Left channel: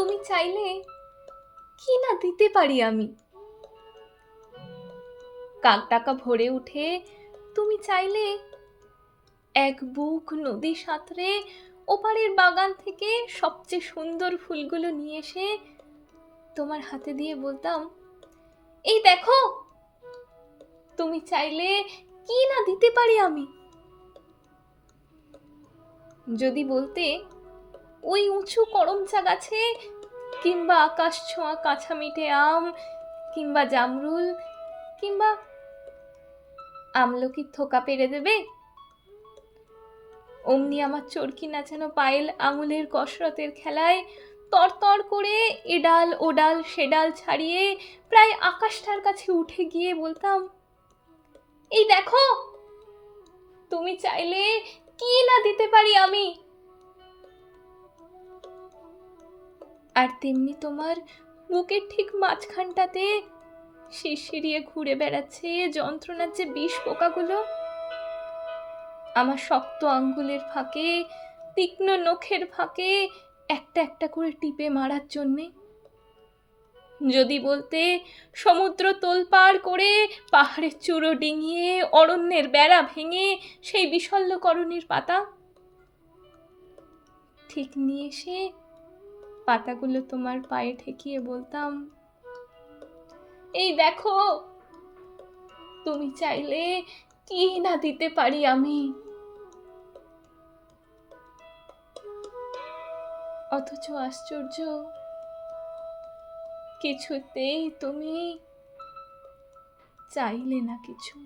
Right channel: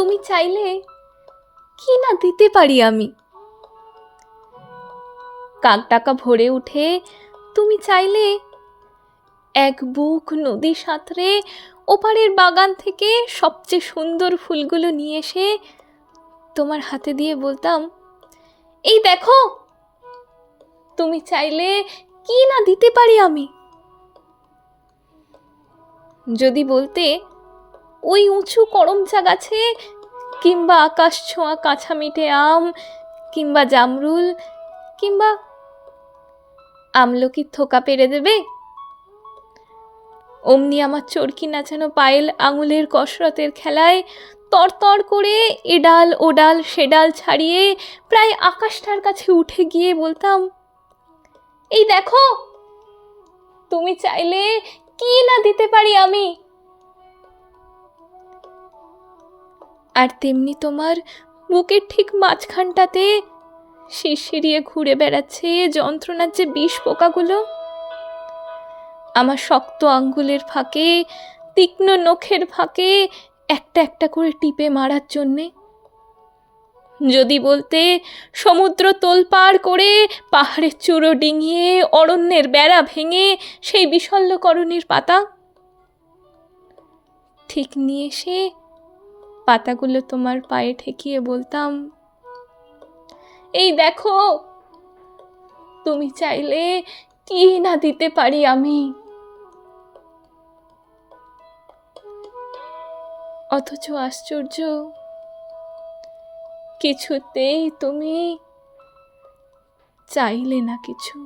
তুমি চাইলে কি না দিতে পারি আমি। কাকডাকা ভরে উঠে তুমি চাইলে এক বুক নদী সাঁতরে ওপারের বাগান থেকে সবচেয়ে সুন্দর ফুলগুলো নিয়ে এসে তোমার হাতে দিয়ে বলতাম, এই দেখো। তুমি চাইলে কি না দিতে পারি আমি। যদি বলতে, ওই উঁচু করমচা গাছে কিংবা আকাশ ছোঁয়া কাঁচা মিঠে আম কিংবা জামরুল কিংবা আমলকির থোকা পেরে দেবে, অমনি আমার চরকি নাচানো পায়েল আঙুলের কসরতের খেলায় তরতর করে এ ডাল ও ডাল সে ডাল ছাড়িয়ে প্রায় আকাশটার কাছে উঠে গিয়ে বলতাম, এই দেখো। তুমি চাইলে কি না দিতে পারি আমি। আর তেমনি তোমার বুকের ঠিক মাঝখানটাতে শিরশিরিয়ে ঘুরে বেড়াচ্ছে যন্ত্রণার যে বিষ পোকাগুলো, আমার শক্ত আঙ্গুলের ফাঁকে তীক্ষ্ণ নখের ফাঁকে একটা একটা করে টিপে মারার জন্যে। যদি বলতে, সমুদ্র তোলপাড় করে পাহাড়ের চূড়ো ডিঙিয়ে অরণ্যের বেড়া ভেঙে সেই বিশল্যকরণের পাতা ঠিক নিয়ে এসে পাতাগুলো তোমার পায়ে ঠেকিয়ে বলতাম, এই দেখো। তুমি চাইলে কি না দিতে পারি আমি। অথচ আশ্চর্য, কিছুতেই তুমি চাইলে না কিছু।